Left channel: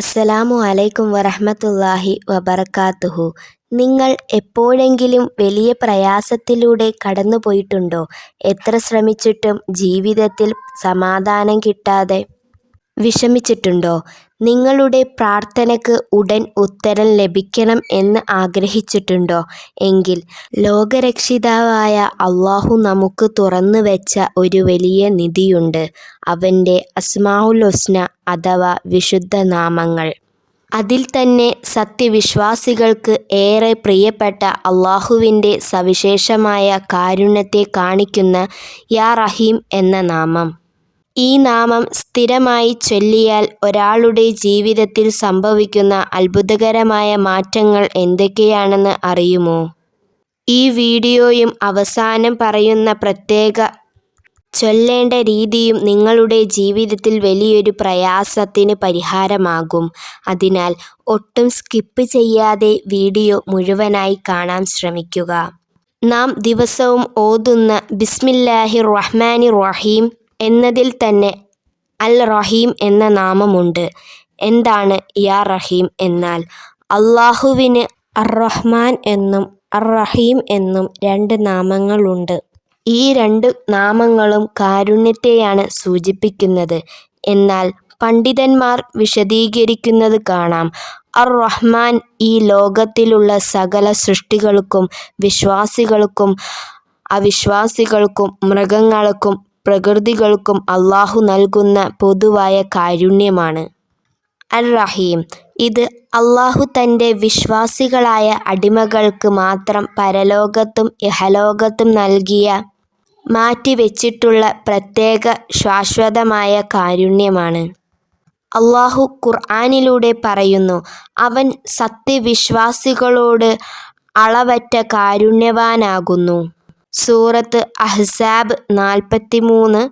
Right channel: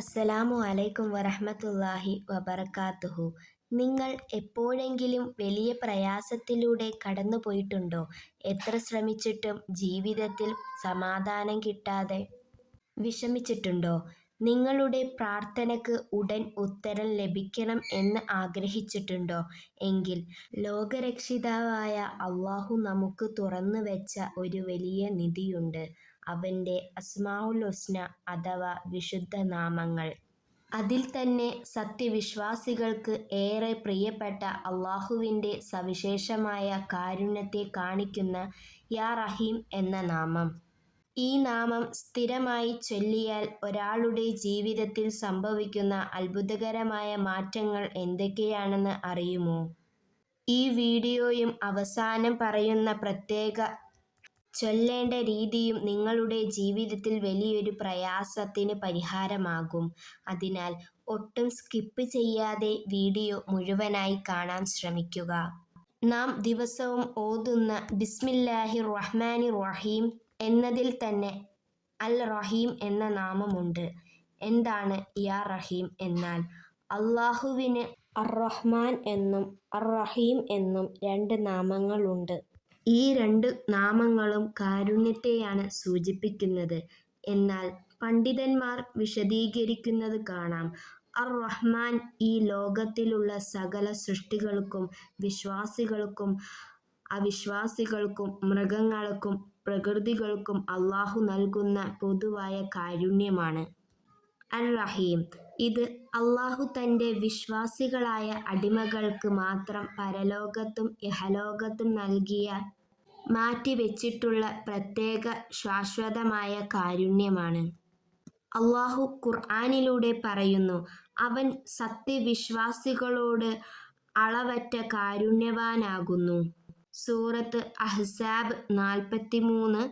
അസ്സലാമു അലൈക്കും വറഹ്മത്തുള്ളാഹി വബറകാതുഹു. നിങ്ങൾ എപ്പോഴെങ്കിലും വലിയ പ്രയാസത്തിലൂടെ കടന്നുപോയിട്ടുണ്ടോ? എത്ര ശ്രമിച്ചിട്ടും ജീവിതത്തിൽ സമാധാനം കിട്ടാതെ വിഷമിച്ചിട്ടുണ്ടോ? നിങ്ങളുടെ പ്രാർത്ഥനയ്ക്ക് ഉടൻ ഉത്തരം ലഭിക്കണം എന്ന് ആഗ്രഹിച്ചിട്ടുണ്ടോ? എങ്കിൽ ലോകരക്ഷിതാവായ അല്ലാഹു നമുക്ക് തുറന്നുവെച്ച ഒരു വലിയ നിധിയുണ്ട്. അവൻ്റെ അസ്മാഉൽ ഹുസ്ന അഥവാ വിശുദ്ധ നാമങ്ങൾ. അതിൽ തന്നെ സത്യവിശ്വാസികൾക്ക് ഏറെ പ്രിയപ്പെട്ട അല്ലാഹുവിൻ്റെ സവിശേഷമായ കാരുണ്യത്തെ കാണിക്കുന്ന യാ റഹീം എന്ന നാമം. ഈ നാമം സ്ഥിരമായി ചൊല്ലിയാൽ ഒരാളുടെ ജീവിതത്തിൽ സംഭവിക്കുന്ന അത്ഭുതകരമായ മാറ്റങ്ങൾ എന്തൊക്കെയാണെന്ന് അറിയുമോ? ഈ വീഡിയോയും അവസാനം പറയുന്ന പ്രത്യേക ചൊല്ലേണ്ട രീതിയും നിങ്ങളുടെ ജീവിതത്തിൽ വലിയൊരു പ്രയാസത്തിന് പരിഹാരമാകും. അതിനാൽ ഒട്ടും സ്കിപ്പ് ചെയ്യാതെ വീഡിയോ മുഴുവനായി കാണാൻ ശ്രമിക്കുക. നാം ദിവസവും ഓതുന്ന ബിസ്മില്ലാഹിർ റഹ്മാനിർ റഹീം എന്നതിൽ തന്നെ അൽ റഹീം എന്ന നാമമുണ്ട്. എന്താണ് യാ റഹീം എന്നാൽ? അല്ലാഹുവിന് അർ-റഹ്മാൻ എന്നും അർ-റഹീം എന്നും രണ്ട് നാമങ്ങളുണ്ട്. ഈ രണ്ട് നാമങ്ങളും കാരുണ്യത്തെയാണ് സൂചിപ്പിക്കുന്നത്. എന്നാൽ പണ്ഡിതന്മാർ വിശദീകരിക്കുന്നത് കാണാം. അർ-റഹ്മാൻ ഈ ലോകത്തിലുള്ള സകല സൃഷ്ടികൾക്കും, വിശ്വാസികൾക്കും അവിശ്വാസികൾക്കും, മൃഗങ്ങൾക്കും പ്രകൃതികൾക്കും അല്ലാഹു നൽകുന്ന പൊതുവായ കാരുണ്യമാണ്. അർ-റഹീം ഇത് അല്ലാഹു തൻ്റെ വിശ്വാസികളായ അടിമകൾക്ക് മാത്രം പരലോകത്തും ഇഹലോകത്തും നൽകിയ മാറ്റിവെച്ചിട്ടുള്ള പ്രത്യേക ശാശ്വതമായ കാരുണ്യമാണ്. അല്ലാഹു ഖുർആനിലൂടെ പറയുന്നു, അവൻ സത്യവിശ്വാസികളോട് അളവറ്റ കാരുണ്യവാനാകുന്നു. സൂറത്ത് അഹ്സാബ് 43.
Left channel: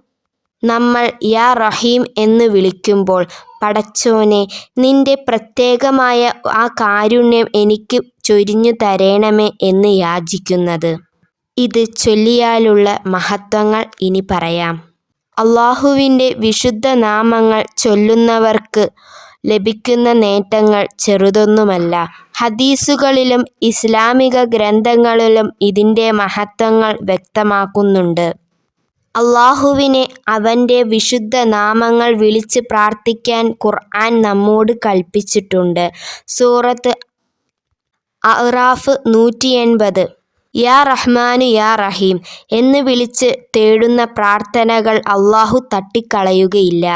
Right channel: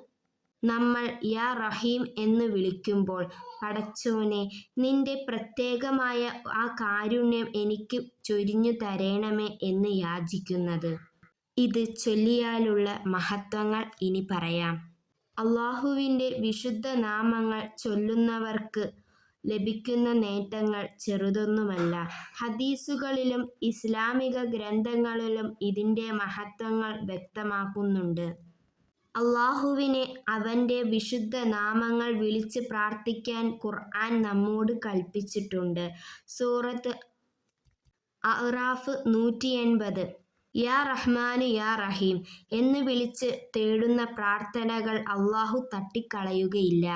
നമ്മൾ യാ റഹീം എന്ന് വിളിക്കുമ്പോൾ പടച്ചോനെ, നിന്റെ പ്രത്യേകമായ ആ കാരുണ്യം എനിക്ക് ചൊരിഞ്ഞു തരേണമേ എന്ന് യാചിക്കുന്നത്. ഇത് ചൊല്ലിയാലുള്ള മഹത്വങ്ങൾ ഇനി പറയാം. അല്ലാഹുവിൻ്റെ വിശുദ്ധ നാമങ്ങൾ ചൊല്ലുന്നവർക്ക് ലഭിക്കുന്ന നേട്ടങ്ങൾ ചെറുതൊന്നുമല്ല. ഹദീസുകളിലും ഇസ്ലാമിക ഗ്രന്ഥങ്ങളിലും ഇതിൻ്റെ മഹത്വങ്ങൾ വ്യക്തമാക്കുന്നുണ്ട്. അല്ലാഹുവിനെ അവൻ്റെ വിശുദ്ധ നാമങ്ങൾ വിളിച്ച് പ്രാർത്ഥിക്കാൻ ഖുർആൻ നമ്മോട് കൽപ്പിച്ചിട്ടുണ്ട്. സൂറത്ത് അഅ്റാഫ് 180. യാ റഹ്മാനു യാ റഹീം എന്ന് വിളിച്ച് തേടുന്ന പ്രാർത്ഥനകൾ അല്ലാഹു തട്ടിക്കളയുകയില്ല.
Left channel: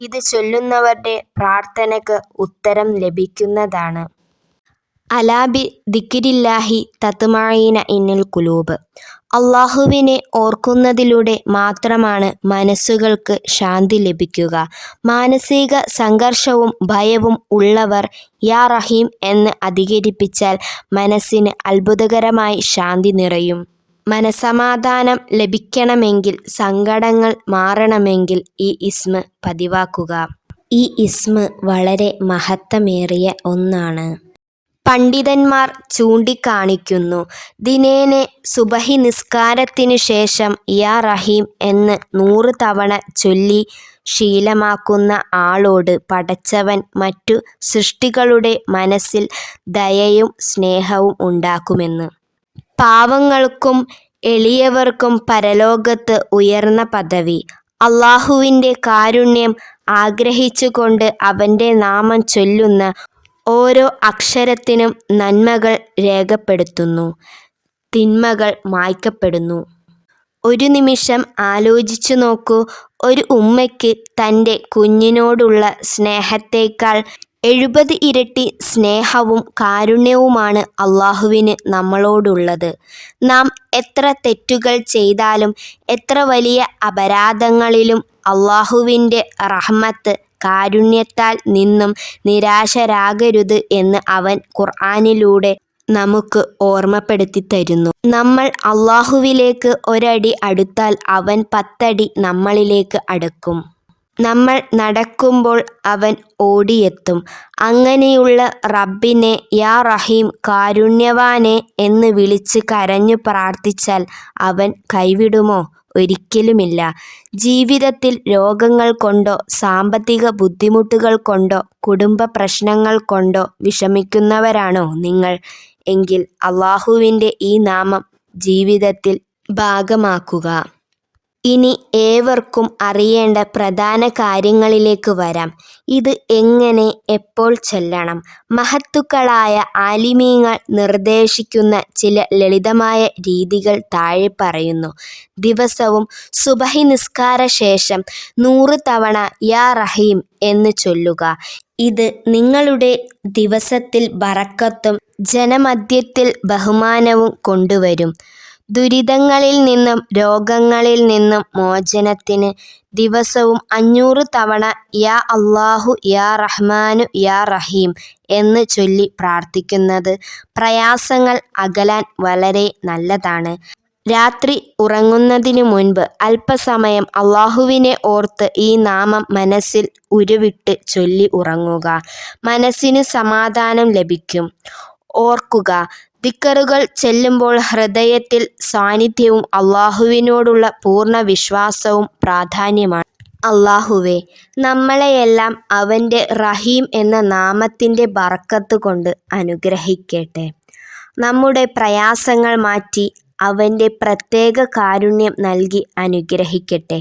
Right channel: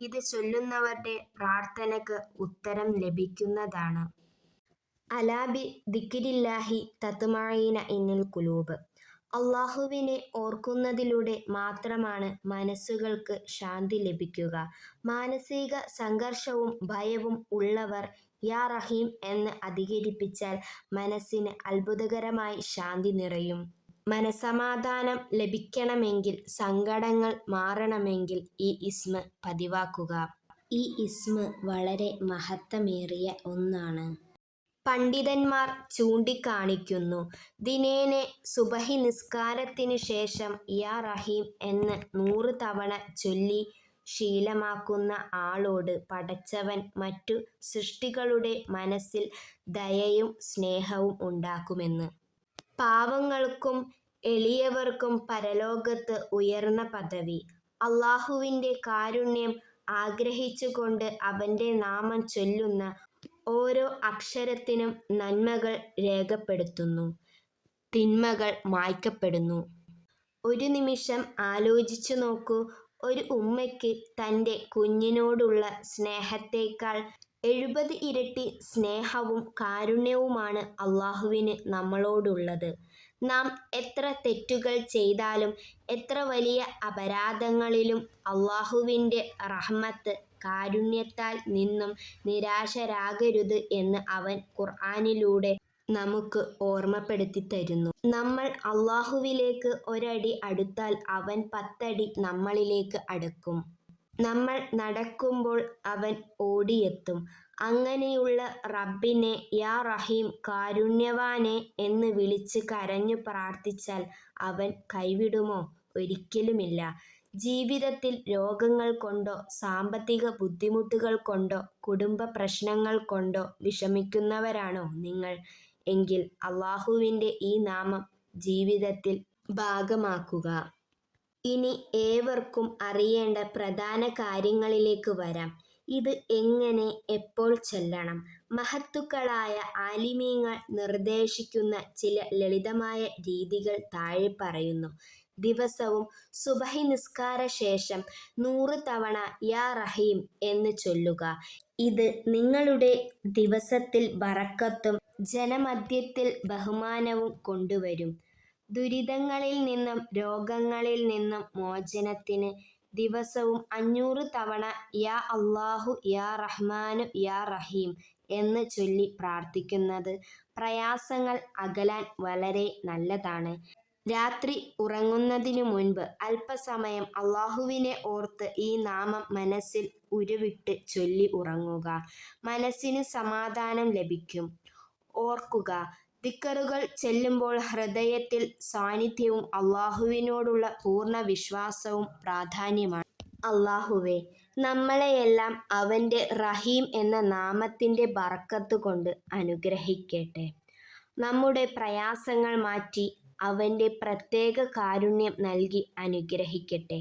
ഇത് ചൊല്ലുന്നവരുടെ പ്രാർത്ഥനയ്ക്ക് ഉത്തരം ലഭിക്കുന്നതാണ്. അലാ ബി ദിക്രില്ലാഹി തത്മഇന്നുൽ ഖുലൂബ്. അല്ലാഹുവിനെ ഓർക്കുന്നതിലൂടെ മാത്രമാണ് മനസ്സുകൾക്ക് ശാന്തി ലഭിക്കുക. മാനസിക സംഘർഷവും ഭയവും ഉള്ളവർ യാ റഹീം എന്ന് അധികരിപ്പിച്ചാൽ മനസ്സിന് അത്ഭുതകരമായി ശാന്തി നിറയും. മനസമാധാനം ലഭിക്കണമെങ്കിൽ, സങ്കടങ്ങൾ മാറണമെങ്കിൽ ഈ ഇസ്മ പതിവാക്കുക. ഈ ഇസ്മ വളരെ മഹത്വമേറിയ ഒന്നാണ്. പണ്ഡിതന്മാർ ചൂണ്ടിക്കാണിക്കുന്നു, ദിനേന സുബഹി നിസ്കാരത്തിനു ശേഷം യാ റഹീം എന്ന് 100 തവണ ചൊല്ലി ശീലമാക്കുന്ന ആളോട് പടച്ചവൻ മറ്റു സൃഷ്ടികളുടെ മനസ്സിൽ ദയയും സ്നേഹവും ഉണ്ടാക്കുമെന്ന്. പാവങ്ങൾക്കും എളിയവർക്കും പരലോകത്ത് ഉയർന്ന പദവി. അല്ലാഹുവിൻ്റെ കാരുണ്യം ആഗ്രഹിച്ചുകൊണ്ട് അവൻ്റെ നാമം ചൊല്ലുന്ന ഓരോ അക്ഷരത്തിനും നന്മകൾ രേഖപ്പെടുത്തുന്നു, തിന്മകൾ മായ്ക്കപ്പെടുന്നു. ഒരു നിമിഷം ആലോചിച്ചു നോക്കൂ, ഒരു ഉമ്മയ്ക്ക് തൻ്റെ കുഞ്ഞിനോടുള്ള സ്നേഹത്തേക്കാൾ 70 ഇരട്ടി സ്നേഹവും കാരുണ്യവുമാണ് അല്ലാഹുവിന് നമ്മളോടുള്ളത്. നാം എത്ര തെറ്റുകൾ ചെയ്താലും, എത്ര വലിയ അപരാധങ്ങളിലും അല്ലാഹുവിൻ്റെ റഹ്മത്ത്, കാരുണ്യത്താൽ നിന്നും നിരാശരാകരുത് എന്ന് അവൻ ഖുർആനിലൂടെ നമുക്ക് ഓർമ്മപ്പെടുത്തി തരുന്നു. നമ്മൾ അല്ലാഹുവിലേക്ക് ഒരടി അടുത്താൽ അവൻ 10 അടി നമ്മളിലേക്ക് അടുക്കും. നമ്മൾ നടക്കുമ്പോൾ അവൻ ഓടിയെത്തും. അങ്ങനെയുള്ള റബ്ബിനെ യാ റഹീം കാരുണ്യവാനെ എന്ന് വിളിച്ച് കരഞ്ഞു പ്രാർത്ഥിച്ചാൽ അവൻ കൈവിടുമോ? ഒരിക്കലുമില്ല. ജീവിതത്തിൽ രോഗങ്ങൾ കൊണ്ടോ സാമ്പത്തിക ബുദ്ധിമുട്ടുകൾ കൊണ്ടോ കുടുംബ പ്രശ്നങ്ങൾ കൊണ്ടോ വിഷമിക്കുന്നവരാണോ നിങ്ങൾ? എങ്കിൽ അല്ലാഹുവിൻ്റെ ഈ നാമം ജീവിതത്തിൽ ഭാഗമാക്കുക. ഇനി ഏവർക്കും അറിയേണ്ട പ്രധാന കാര്യങ്ങളിലേക്ക് വരാം. ഇത് എങ്ങനെ, എപ്പോൾ ചൊല്ലണം? മഹത്തുക്കളായ ആലിമീങ്ങൾ നിർദ്ദേശിക്കുന്ന ചില ലളിതമായ രീതികൾ താഴെ പറയുന്നു. ദിവസവും സുബഹി നിസ്കാര ശേഷം 100 തവണ യാ റഹീം എന്ന് ചൊല്ലുക. ഇത് നിങ്ങളുടെ ദിവസത്തിൽ ബറക്കത്തും ജനമധ്യത്തിൽ ബഹുമാനവും കൊണ്ടുവരും. ദുരിതങ്ങളിൽ നിന്നും രോഗങ്ങളിൽ നിന്നും മോചനത്തിന് ദിവസവും 500 തവണ യാ അല്ലാഹു യാ റഹ്മാനു യാ റഹീം എന്ന് ചൊല്ലി പ്രാർത്ഥിക്കുന്നത് പ്രയാസങ്ങൾ അകലാൻ വളരെ നല്ലതാണ്. രാത്രി ഉറങ്ങുന്നതിനു മുൻപ് അല്പസമയം അല്ലാഹുവിനെ ഓർത്ത് ഈ നാമം മനസ്സിൽ ഉരുവിട്ട് ചൊല്ലി ഉറങ്ങുക. മനസ്സിന് സമാധാനം ലഭിക്കും. ഓർക്കുക, ദിക്റുകൾ ചെല്ലുമ്പോൾ ഹൃദയത്തിൽ സാന്നിധ്യവും അല്ലാഹുവിനോടുള്ള പൂർണ്ണ വിശ്വാസവും പ്രാധാന്യമാണ്. അല്ലാഹുവേ, നമ്മളെയെല്ലാം അവൻ്റെ റഹീം എന്ന നാമത്തിൻ്റെ ബറക്കത്ത് കൊണ്ട് അനുഗ്രഹിക്കട്ടെ. നമ്മുടെ പ്രയാസങ്ങൾ മാറ്റി അവൻ്റെ പ്രത്യേക കാരുണ്യം നൽകി അനുഗ്രഹിക്കട്ടെ.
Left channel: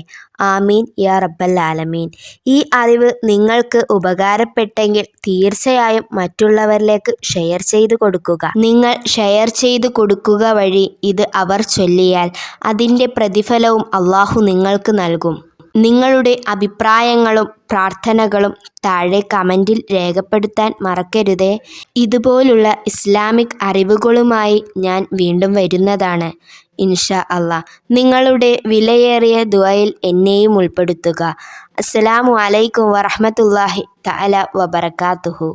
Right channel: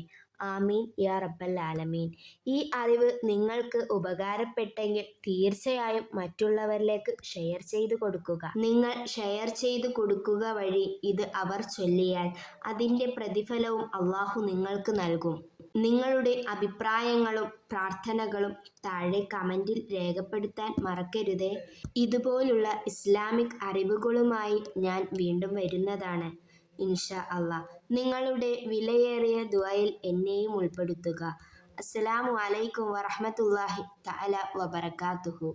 ആമീൻ യാ റബ്ബൽ ആലമീൻ. ഈ അറിവ് നിങ്ങൾക്ക് ഉപകാരപ്പെട്ടെങ്കിൽ തീർച്ചയായും മറ്റുള്ളവരിലേക്ക് ഷെയർ ചെയ്തു കൊടുക്കുക. നിങ്ങൾ ഷെയർ ചെയ്തു കൊടുക്കുക വഴി ഇത് അവർ ചൊല്ലിയാൽ അതിൻ്റെ പ്രതിഫലവും അല്ലാഹു നിങ്ങൾക്ക് നൽകും. നിങ്ങളുടെ അഭിപ്രായങ്ങളും പ്രാർത്ഥനകളും താഴെ കമൻറ്റിൽ രേഖപ്പെടുത്താൻ മറക്കരുതേ. ഇതുപോലുള്ള ഇസ്ലാമിക് അറിവുകളുമായി ഞാൻ വീണ്ടും വരുന്നതാണ് ഇൻഷാ അല്ലാ. നിങ്ങളുടെ വിലയേറിയ ദുആയിൽ എന്നെയും ഉൾപ്പെടുത്തുക. അസ്സലാമു അലൈക്കും വറഹ്മത്തുള്ളാഹി തആല വബറകാതുഹു.